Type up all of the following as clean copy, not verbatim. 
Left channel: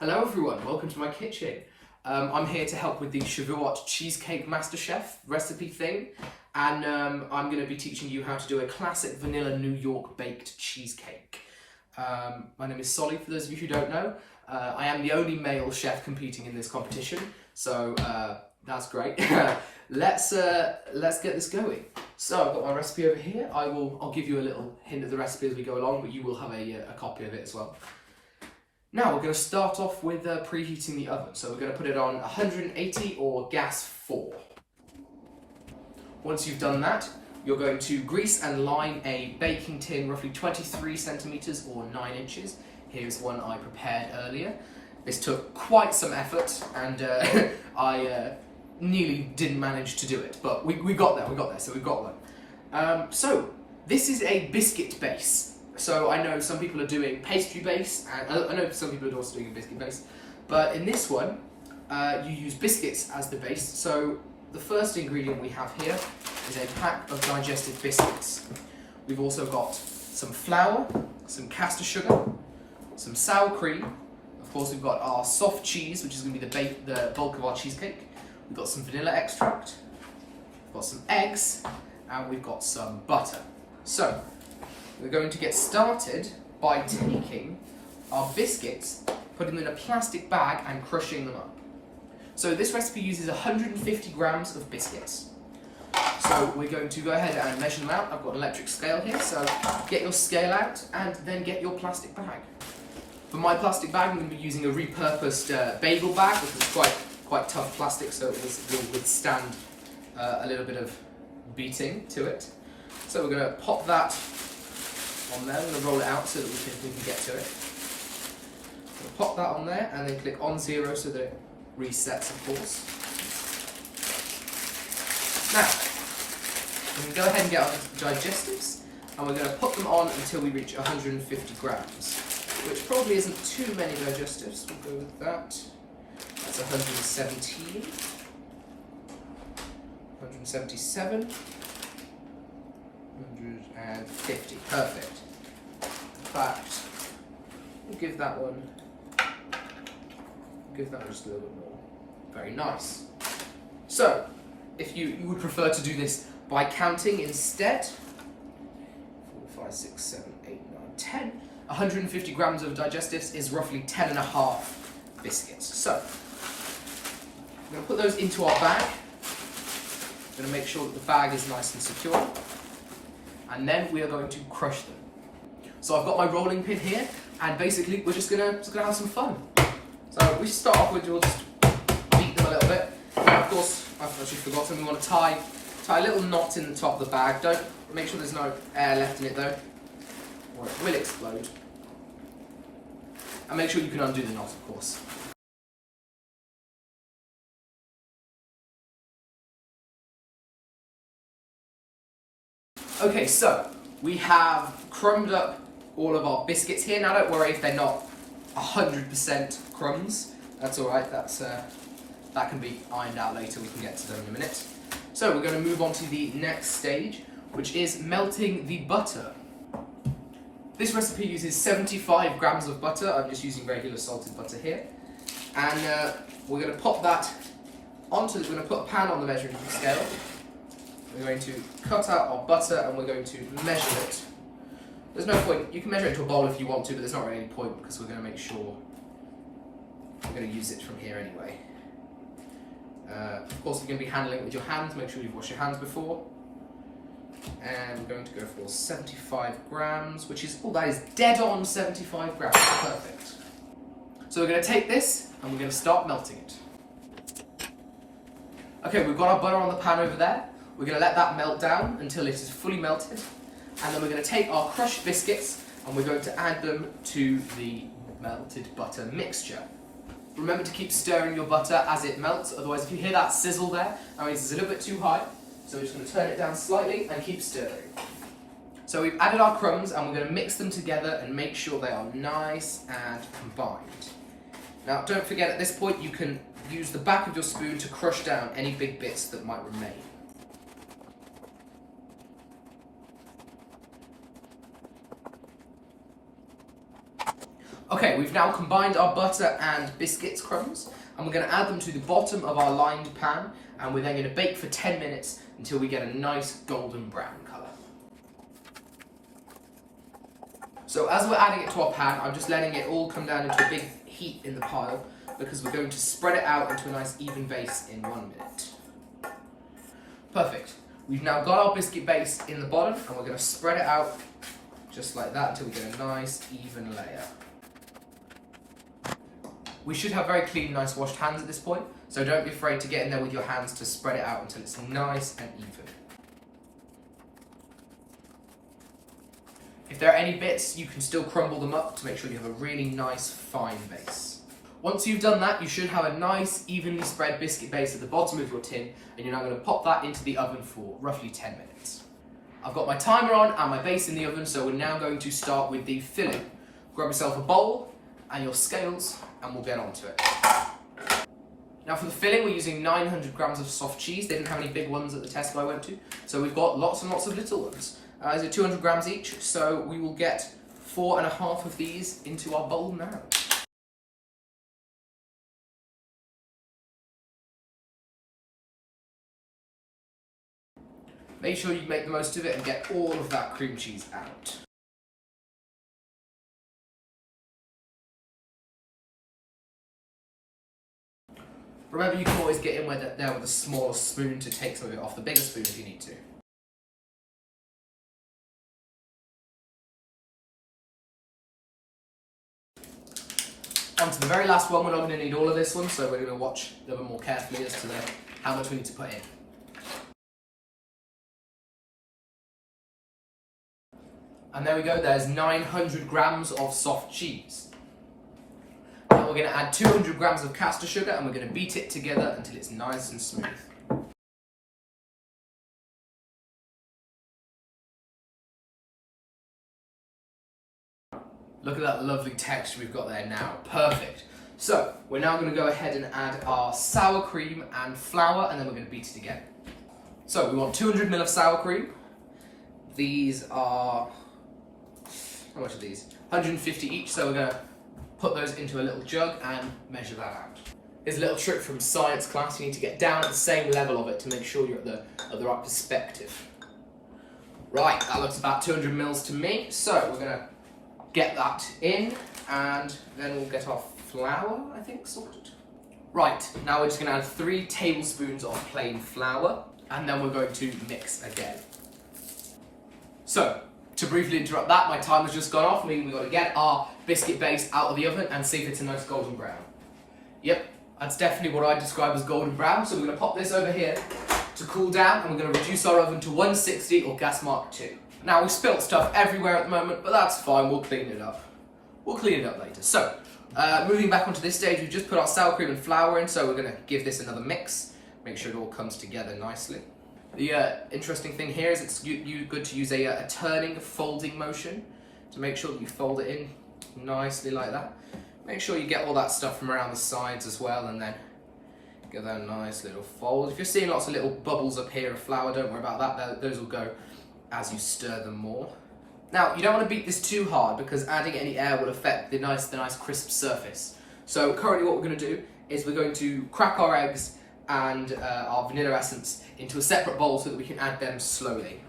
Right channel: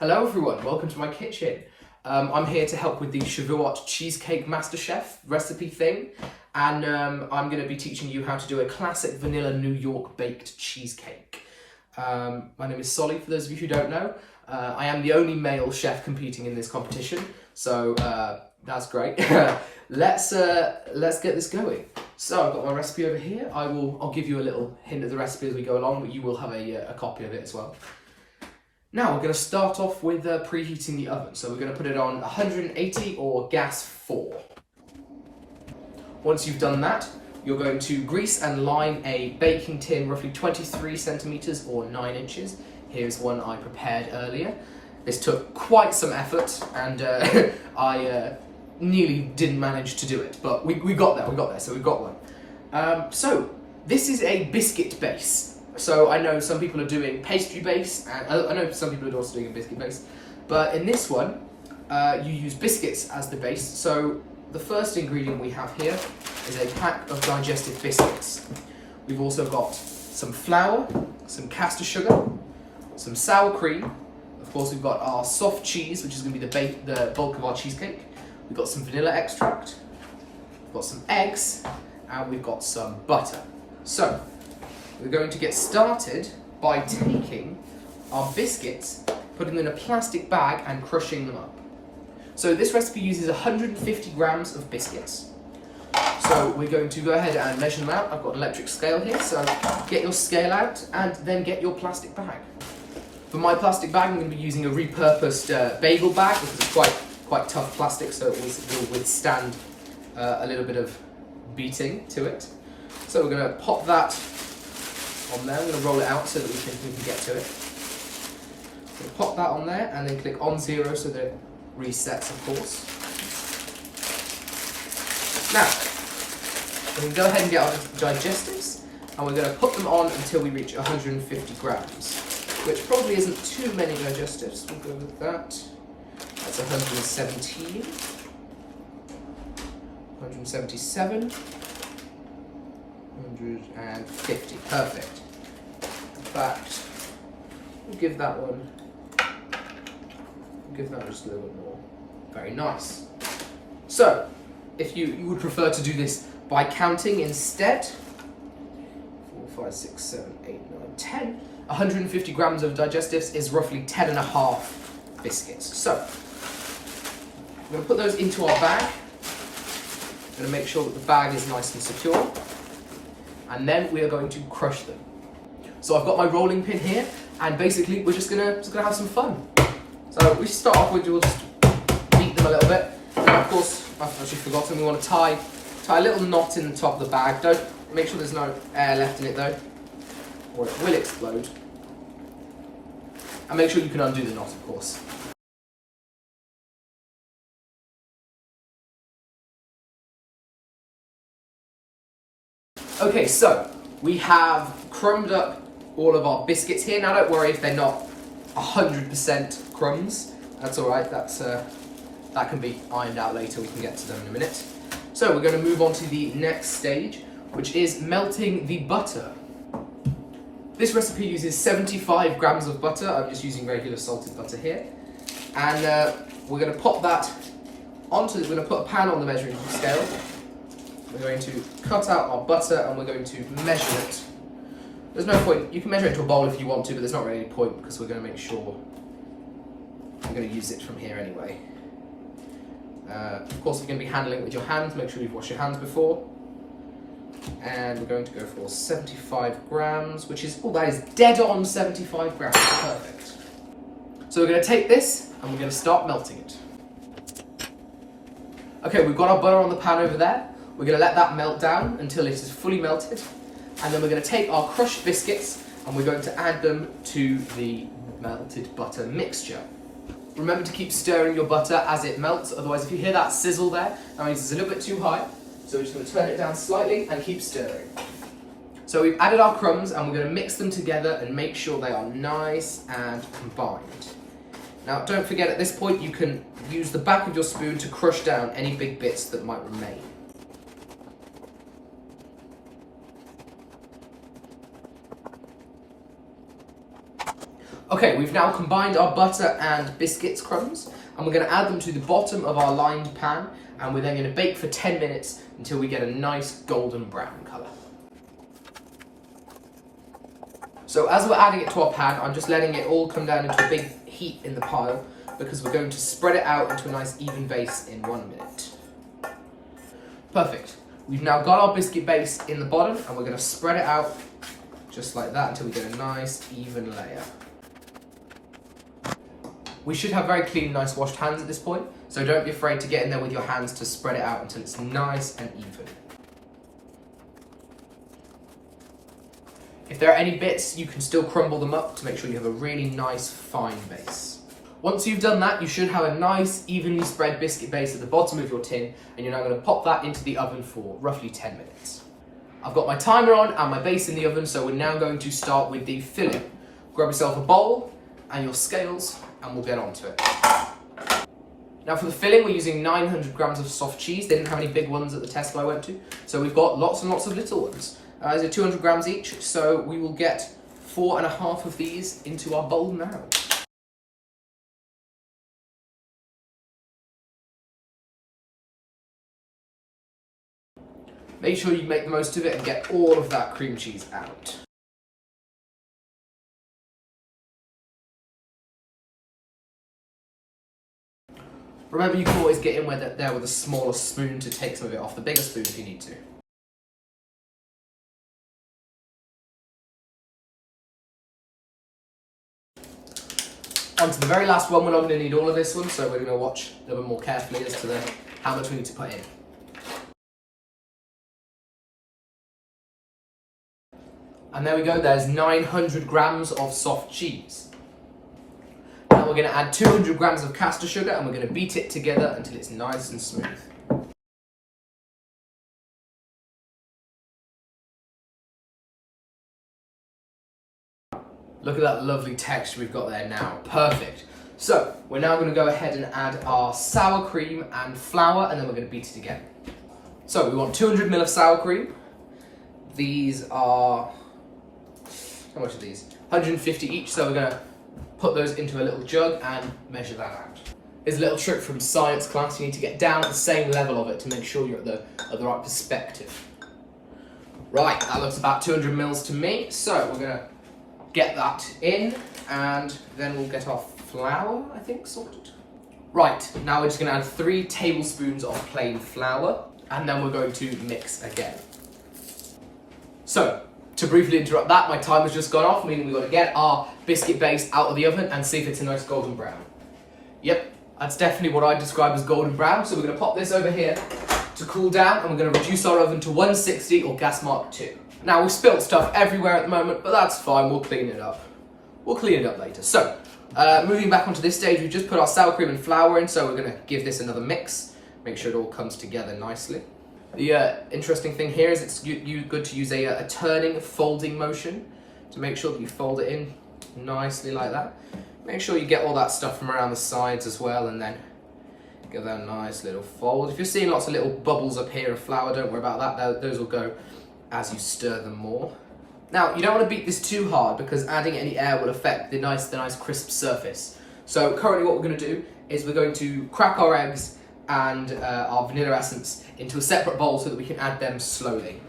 Hello everyone, welcome to my kitchen. I'm here to help with the Shavuot Cheesecake MasterChef recipe thing, and I'm going to be teaching you how to do a classic vanilla New York baked cheesecake. My name is Solly, for those of you who don't know. I am the only male chef competing in this competition, so that's great. Let's get this going. So I've got my recipe over here. I'll give you a little hint of the recipe as we go along, but you will have a copy of it as well. Now we're going to start off with preheating the oven. So we're going to put it on 180 or gas 4. Once you've done that, you're going to grease and line a baking tin roughly 23 centimeters or 9 inches. Here's one I prepared earlier. This took quite some effort, and I nearly didn't manage to do it, but we got there, so we've got one. So this is a biscuit base. So I know some people are doing pastry base, and I know some people are also doing a biscuit base, but in this one, you use biscuits as the base. So the first ingredient we have here is a pack of digestive biscuits. We've also got some flour, some caster sugar, some sour cream. Of course, we've got our soft cheese, which is going to be the bulk of our cheesecake. We've got some vanilla extract, we've got some eggs, and we've got some butter. So we're going to get started by taking our biscuits, putting them in a plastic bag and crushing them up. So this recipe uses 150 grams of biscuits. So we're going to go ahead and measure them out. I've got an electric scale here, so get your scale out and then get your plastic bag. For my plastic bag, I'm going to be using a repurposed bagel bag because it's quite tough plastic, so it will withstand a little bit of beating to it. So we're going to pop that on there. I'm going to roll it out so that we can get to it. So pop that on there and then click on 0 so that it resets, of course. Now, we can go ahead and get our digestives, and we're going to put them on until we reach 150 grams, which probably isn't too many digestives. We'll go with that. That's 117, 177, 150. Perfect. In fact, we'll give that one just a little bit more. Very nice. So, if you would prefer to do this by counting instead, 4, 5, 6, 7, 8, 9, 10. 150 grams of digestives is roughly 10.5 biscuits. So, I'm going to put those into our bag. I'm going to make sure that the bag is nice and secure. And then we are going to crush them. So I've got my rolling pin here, and basically we're just gonna have some fun. So we start off with, we'll just beat them a little bit. And of course, I've actually forgotten, we want to tie a little knot in the top of the bag. Don't make sure there's no air left in it though, or it will explode. And make sure you can undo the knot, of course. Okay, so we have crumbed up all of our biscuits here. Now don't worry if they're not 100% crumbs. That's alright, that can be ironed out later. We can get to them in a minute. So we're going to move on to the next stage, which is melting the butter. This recipe uses 75 grams of butter. I'm just using regular salted butter here. And we're going to pop that onto, we're going to put a pan on the measuring scale. We're going to cut out our butter and we're going to measure it. There's no point, you can measure it into a bowl if you want to, but there's not really any point because we're going to make sure we're going to use it from here anyway. Of course, you're going to be handling it with your hands. Make sure you've washed your hands before. And we're going to go for 75 grams, which is, that is dead on 75 grams. Perfect. So we're going to take this and we're going to start melting it. Okay, we've got our butter on the pan over there. We're going to let that melt down until it is fully melted. And then we're going to take our crushed biscuits and we're going to add them to the melted butter mixture. Remember to keep stirring your butter as it melts, otherwise if you hear that sizzle there, that means it's a little bit too high. So we're just going to turn it down slightly and keep stirring. So we've added our crumbs and we're going to mix them together and make sure they are nice and combined. Now don't forget, at this point you can use the back of your spoon to crush down any big bits that might remain. Okay, we've now combined our butter and biscuits crumbs, and we're going to add them to the bottom of our lined pan, and we're then going to bake for 10 minutes until we get a nice golden brown colour. So as we're adding it to our pan, I'm just letting it all come down into a big heap in the pile, because we're going to spread it out into a nice even base in 1 minute. Perfect. We've now got our biscuit base in the bottom, and we're going to spread it out just like that until we get a nice even layer. We should have very clean, nice washed hands at this point, so don't be afraid to get in there with your hands to spread it out until it's nice and even. If there are any bits, you can still crumble them up to make sure you have a really nice, fine base. Once you've done that, you should have a nice, evenly spread biscuit base at the bottom of your tin, and you're now going to pop that into the oven for roughly 10 minutes. I've got my timer on and my base in the oven, so we're now going to start with the filling. Grab yourself a bowl and your scales, and we'll get on to it. Now for the filling, we're using 900 grams of soft cheese. They didn't have any big ones at the Tesco I went to, so we've got lots and lots of little ones. These are 200 grams each, so we will get 4.5 of these into our bowl now. Make sure you make the most of it and get all of that cream cheese out. Remember, you can always get in there with a smaller spoon to take some of it off the bigger spoon if you need to. On to the very last one. We're not going to need all of this one, so we're going to watch a little bit more carefully as to how much we need to put in. And there we go, there's 900 grams of soft cheese. Now we're going to add 200 grams of caster sugar, and we're going to beat it together until it's nice and smooth. Look at that lovely texture we've got there now. Perfect. So we're now going to go ahead and add our sour cream and flour, and then we're going to beat it again. So we want 200 ml of sour cream. These are, how much are these? 150 each, so we're going to put those into a little jug and measure that out. Here's a little trick from science class. You need to get down at the same level of it to make sure you're at the right perspective. Right, that looks about 200 mils to me, so we're going to get that in, and then we'll get our flour, I think, sorted. Right, now we're just going to add 3 tablespoons of plain flour, and then we're going to mix again. So, to briefly interrupt that, my timer's just gone off, meaning we've got to get our biscuit base out of the oven and see if it's a nice golden brown. Yep, that's definitely what I describe as golden brown, so we're going to pop this over here to cool down, and we're going to reduce our oven to 160 or gas mark 2. Now, we've spilt stuff everywhere at the moment, but that's fine, we'll clean it up. We'll clean it up later. So, moving back onto this stage, we've just put our sour cream and flour in, so we're going to give this another mix, make sure it all comes together nicely. The interesting thing here is it's good to use a turning, folding motion to make sure that you fold it in nicely like that. Make sure you get all that stuff from around the sides as well, and then give that a nice little fold. If you're seeing lots of little bubbles up here of flour, don't worry about that. Those will go as you stir them more. Now, you don't want to beat this too hard because adding any air will affect the nice crisp surface. So currently what we're going to do is we're going to crack our eggs and our vanilla essence into a separate bowl so that we can add them slowly.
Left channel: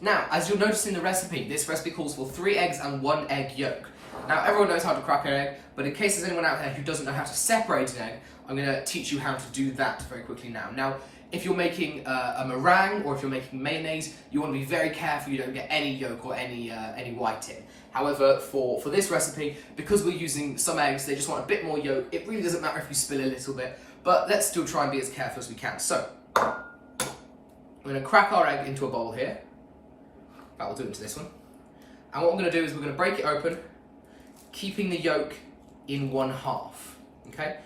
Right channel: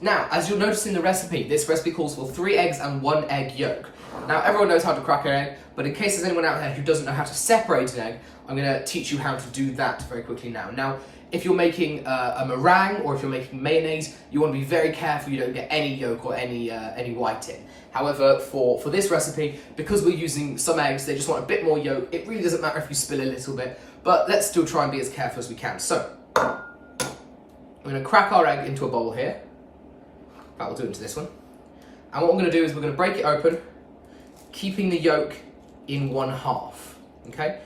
Now, as you'll notice in the recipe, this recipe calls for 3 eggs and 1 egg yolk. Now, everyone knows how to crack an egg, but in case there's anyone out there who doesn't know how to separate an egg, I'm going to teach you how to do that very quickly now. Now, if you're making a meringue or if you're making mayonnaise, you want to be very careful you don't get any yolk or any white in. However, for this recipe, because we're using some eggs, they just want a bit more yolk. It really doesn't matter if you spill a little bit, but let's still try and be as careful as we can. So, we're going to crack our egg into a bowl here. That will do it into this one. And what we're going to do is we're going to break it open, keeping the yolk in 1/2, okay?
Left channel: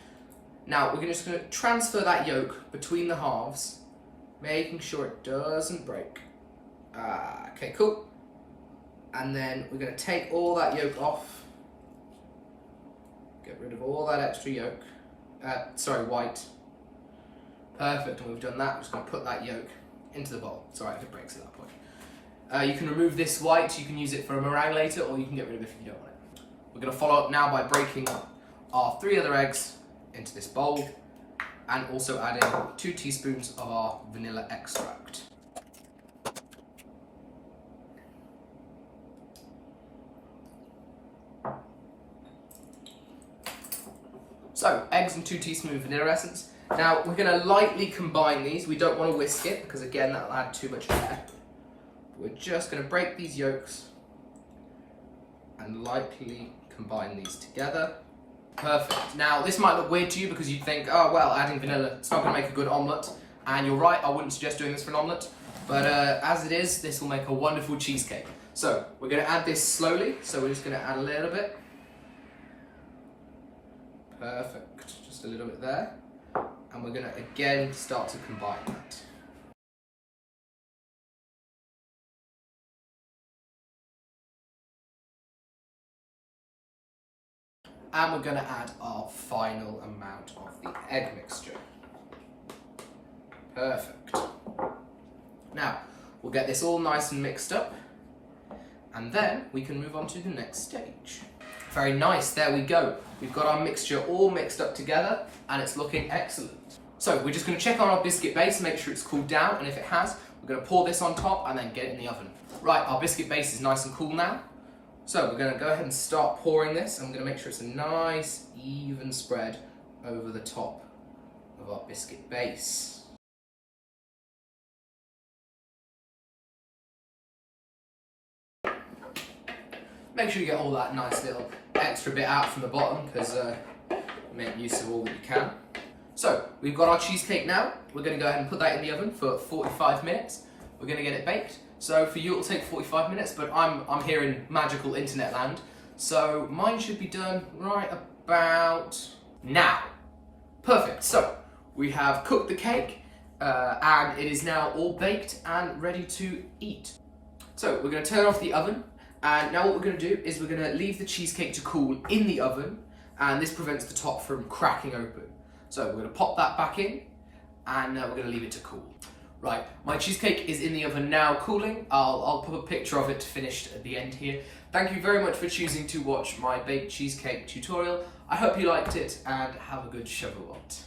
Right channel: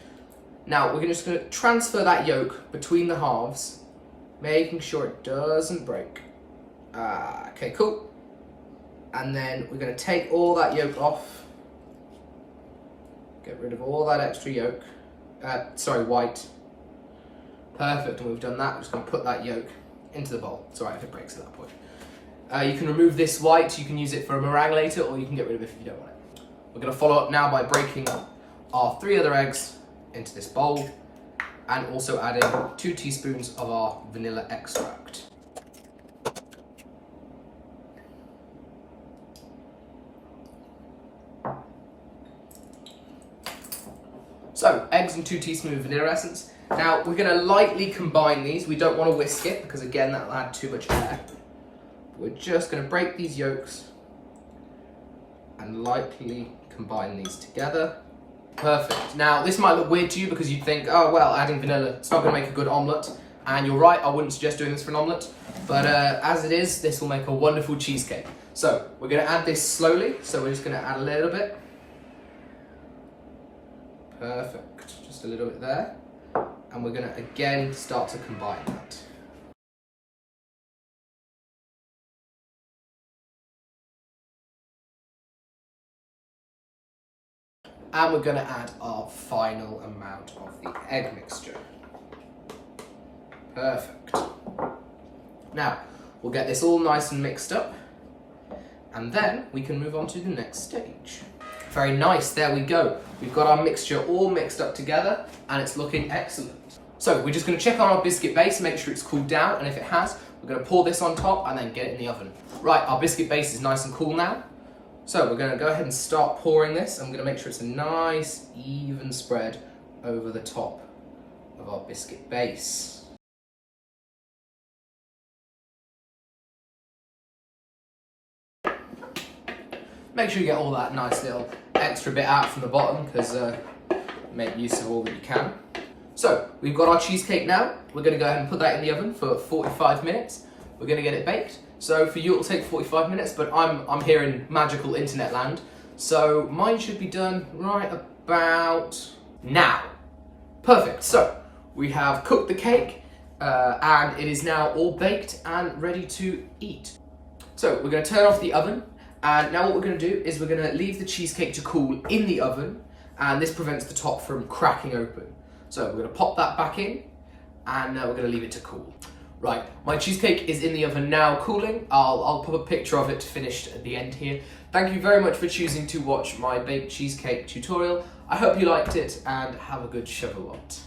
Now, we're just going to transfer that yolk between the halves, making sure it doesn't break. Okay, cool. And then we're going to take all that yolk off. Get rid of all that extra yolk. White. Perfect, and we've done that. We're just going to put that yolk into the bowl. It's alright if it breaks at that point. You can remove this white, you can use it for a meringue later, or you can get rid of it if you don't want it. We're going to follow up now by breaking our 3 other eggs into this bowl and also adding 2 teaspoons of our vanilla extract. So, eggs and 2 teaspoons of vanilla essence. Now, we're going to lightly combine these. We don't want to whisk it because, again, that'll add too much air. We're just going to break these yolks and lightly combine these together. Perfect. Now, this might look weird to you because you'd think, oh, well, adding vanilla, it's not going to make a good omelette. And you're right, I wouldn't suggest doing this for an omelette. But as it is, this will make a wonderful cheesecake. So, we're going to add this slowly. So, we're just going to add a little bit. Perfect. Just a little bit there. And we're going to, again, start to combine that. And we're going to add our final amount of the egg mixture. Perfect. Now, we'll get this all nice and mixed up, and then we can move on to the next stage. Very nice, there we go. We've got our mixture all mixed up together, and it's looking excellent. So, we're just going to check on our biscuit base, make sure it's cooled down, and if it has, we're going to pour this on top and then get it in the oven. Right, our biscuit base is nice and cool now. So we're going to go ahead and start pouring this. I'm going to make sure it's a nice, even spread over the top of our biscuit base. Make sure you get all that nice little extra bit out from the bottom because make use of all that you can. So we've got our cheesecake now. We're going to go ahead and put that in the oven for 45 minutes. We're going to get it baked. So for you it'll take 45 minutes, but I'm here in magical internet land. So mine should be done right about now. Perfect. So we have cooked the cake and it is now all baked and ready to eat. So we're going to turn off the oven, and now what we're going to do is we're going to leave the cheesecake to cool in the oven, and this prevents the top from cracking open. So we're going to pop that back in, and now we're going to leave it to cool. Right, my cheesecake is in the oven now cooling. I'll pop a picture of it finished at the end here. Thank you very much for choosing to watch my baked cheesecake tutorial. I hope you liked it and have a good Shavuot.